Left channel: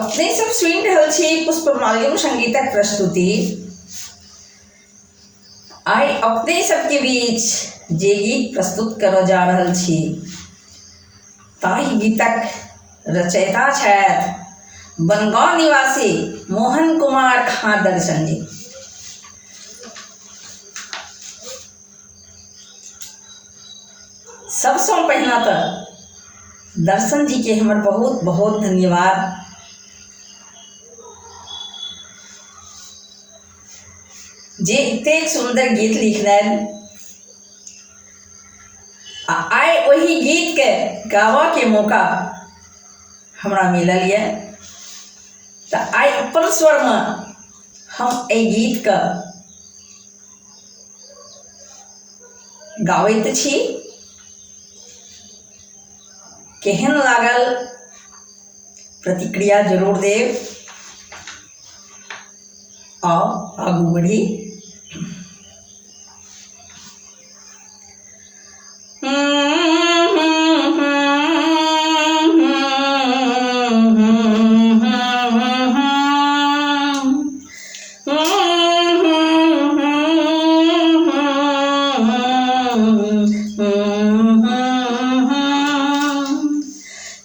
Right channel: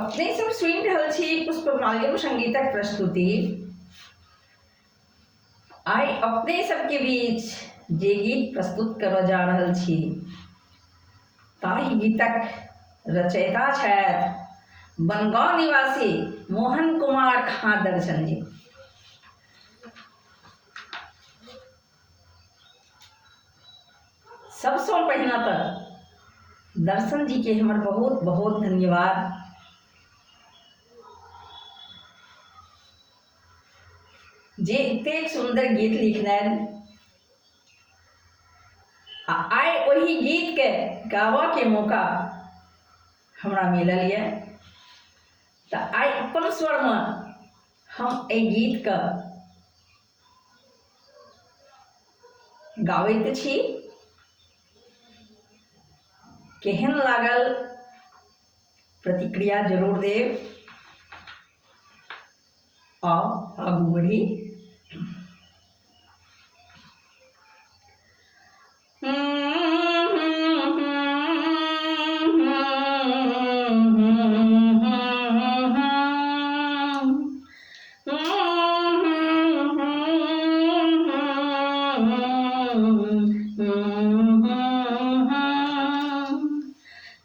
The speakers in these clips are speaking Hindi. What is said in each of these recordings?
अपने सब सुनि रहल छी पुष्पमाल्यम संगीतक प्रस्तुति। आइ अपने सबके बीच जे गीत प्रस्तुत करऽ जा रहल छी ताहि गीतक रचयिता छथि बनगांव निवासी मोहन कुमार खाँ दर्शन जी। सबसँ पहिने तऽ दर्शन जी के हमर बहुत बहुत धन्यवाद। जे एतेक सुंदर गीत लिखलनि आ आइ ओहि गीत के गावा के मौका हमरा मिलल यऽ, तऽ आइ अपन स्वर में हम एहि गीत के गाबैत छी। केहन लागल प्रतिक्रिया जरूर देब। आओ आगू बढ़ी।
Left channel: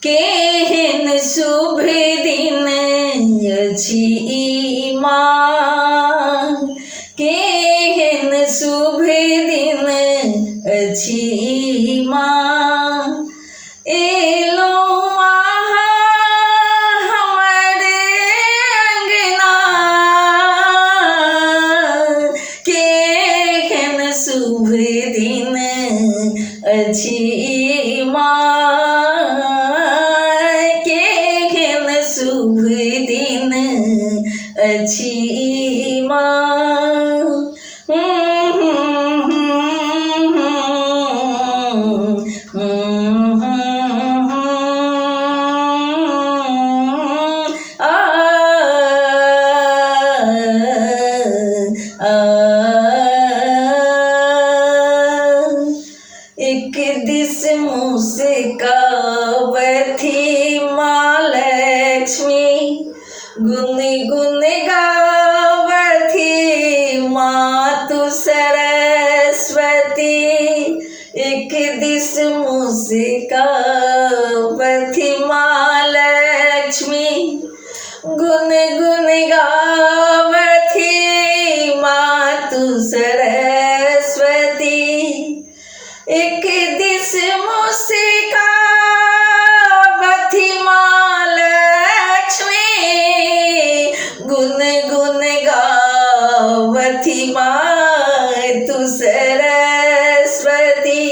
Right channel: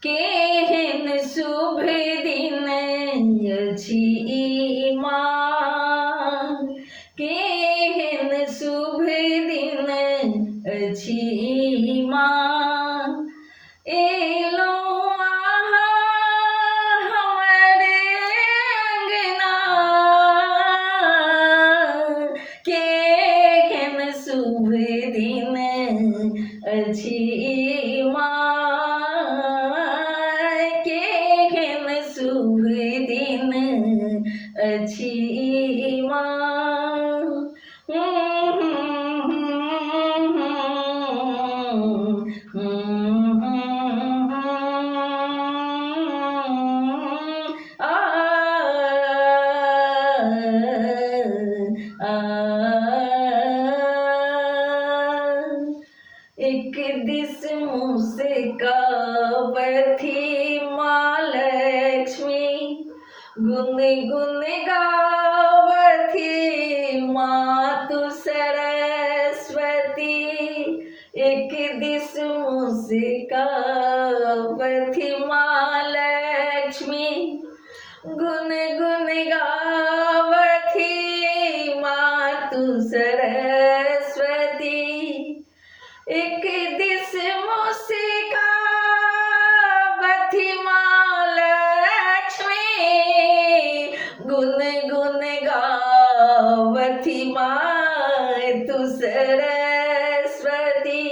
केहन शुभ दिन अछि माँ, केहन शुभ दिन अछि माँ, एलौं अहाँ हमर अंगना, केहन शुभ दिन अछि माँ, केहन शुभ दिन अछि माँ। एक दिस मुस्कावथी माँ लक्ष्मी, गुन गुन गावथी माँ तू सरस्वती। एक दिस मुस्कावथी माँ लक्ष्मी, गुन गुन गावथी माँ तू सरस्वती। एक दिस मुस्कावथी माँ लक्ष्मी, गुन गुन गावथी माँ तू सरस्वती।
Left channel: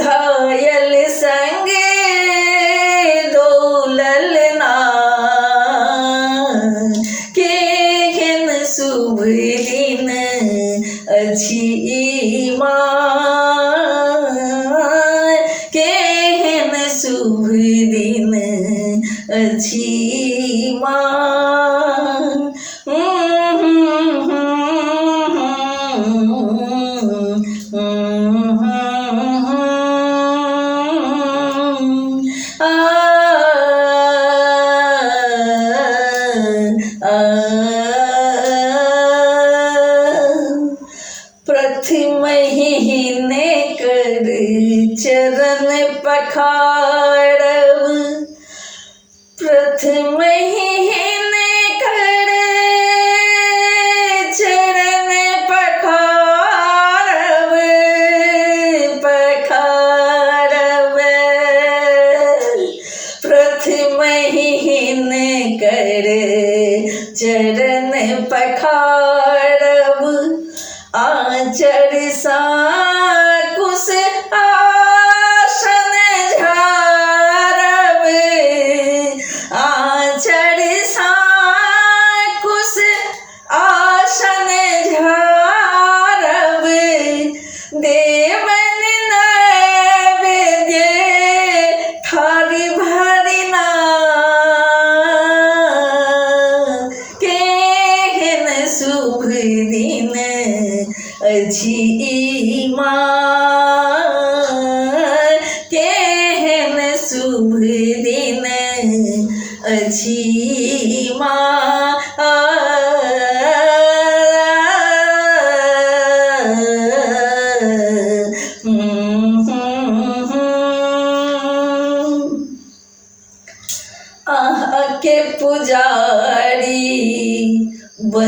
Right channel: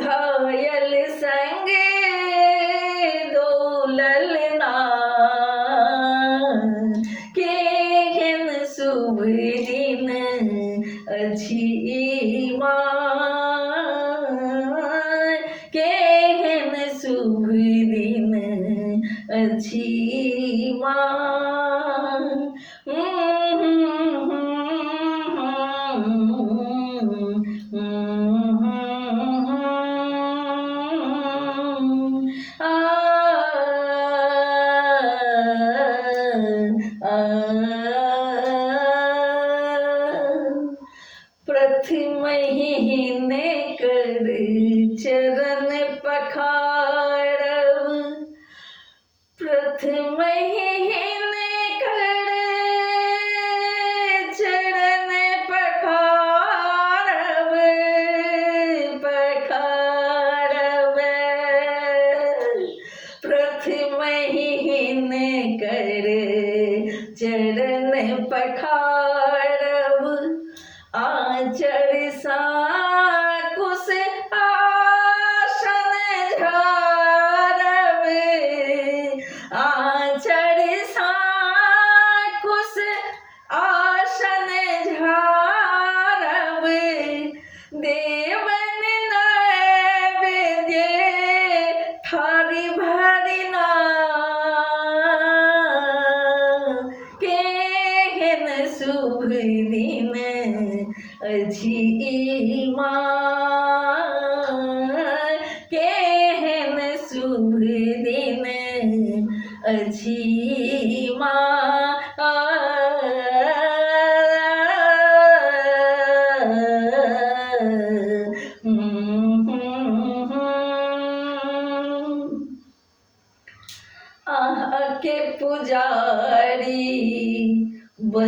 घायल संगे दौलल ना, केहन शुभ दिन अछि माँ, केहन शुभ दिन अछि माँ। प्रथम महीने कर चरण पखारब, प्रथम महीने कर चरण पखारब, पखारब। प्रथम महीने कर चरण पखारब, आचर सा कुश आसन झारब, आचर सा कुश आसन झारब। देवन नैवेद्य थारी भरिना, केहन शुभ दिन। दिन अछि माँ।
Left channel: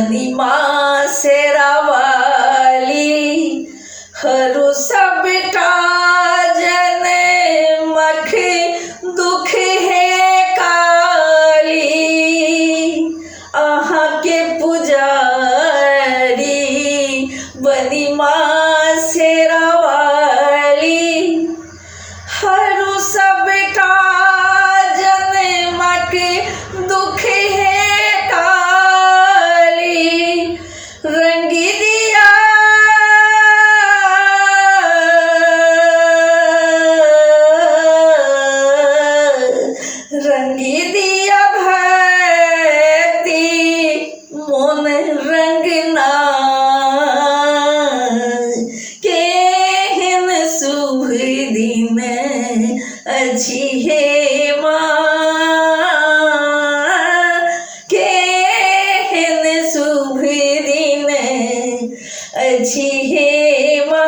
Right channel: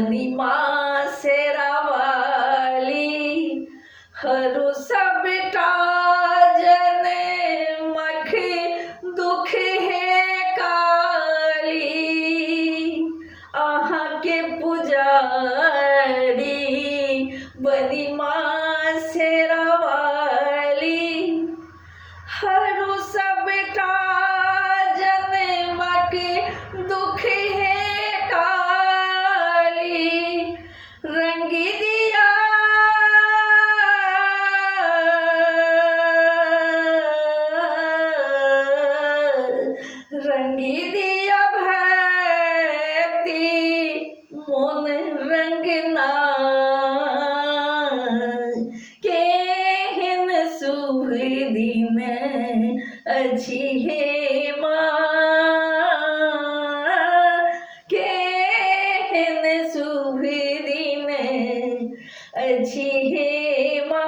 बनी माँ शेरावाली हरू सब जन मख दुख है काली आहाँ के पुजारी बनी माँ शेरावाली हरू सब जन मख दुख है काली रंग दिया भक्ति मोन रंगना केहन शुभ दिन अछि हे माँ केहन शुभ दिन अछि हे माँ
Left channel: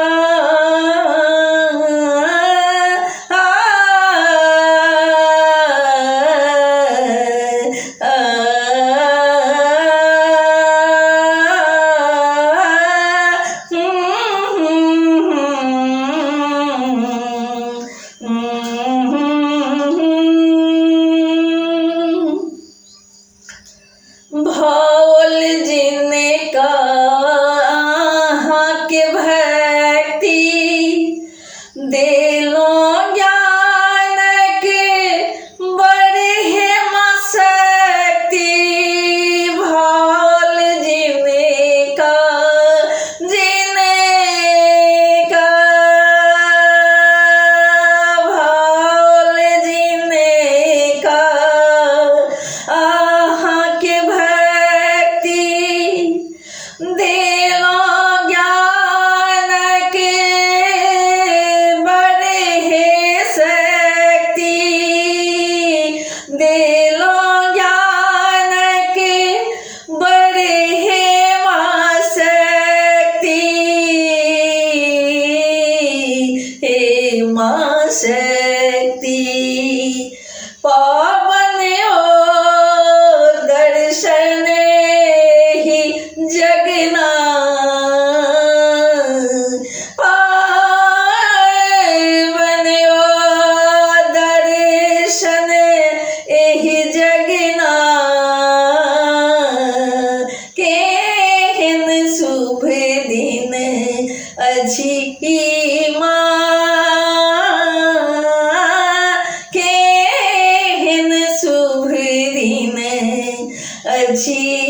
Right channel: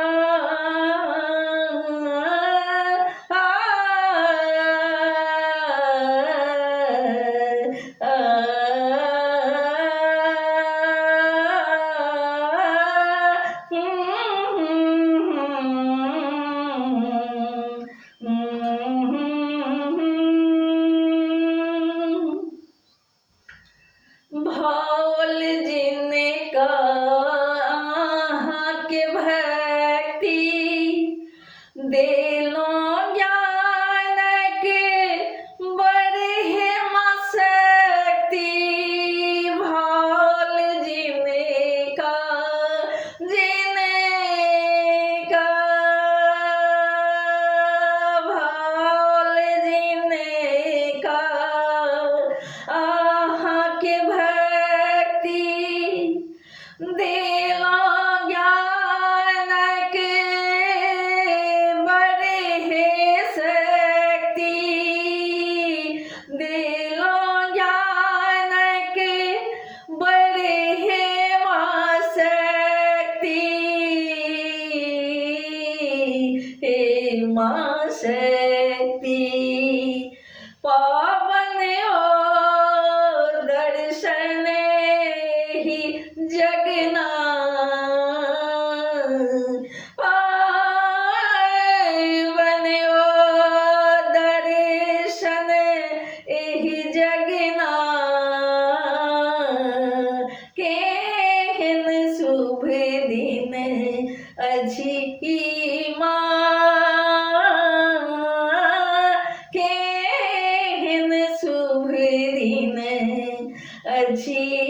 भोल जिनका के भक्ति देलो ज्ञान के बड़े मशक्ति भोल जिनका भोल जिनका आहाँ के देलो ज्ञान के बड़े है शक्ति देलो ज्ञान के बड़े है माँ शक्ति हे माँ शक्ति पावन हो दर्शन ही जगना पावन हो दर्शन एहि जगना केहन शुभ दिन अछि केहन शुभ दिन अछि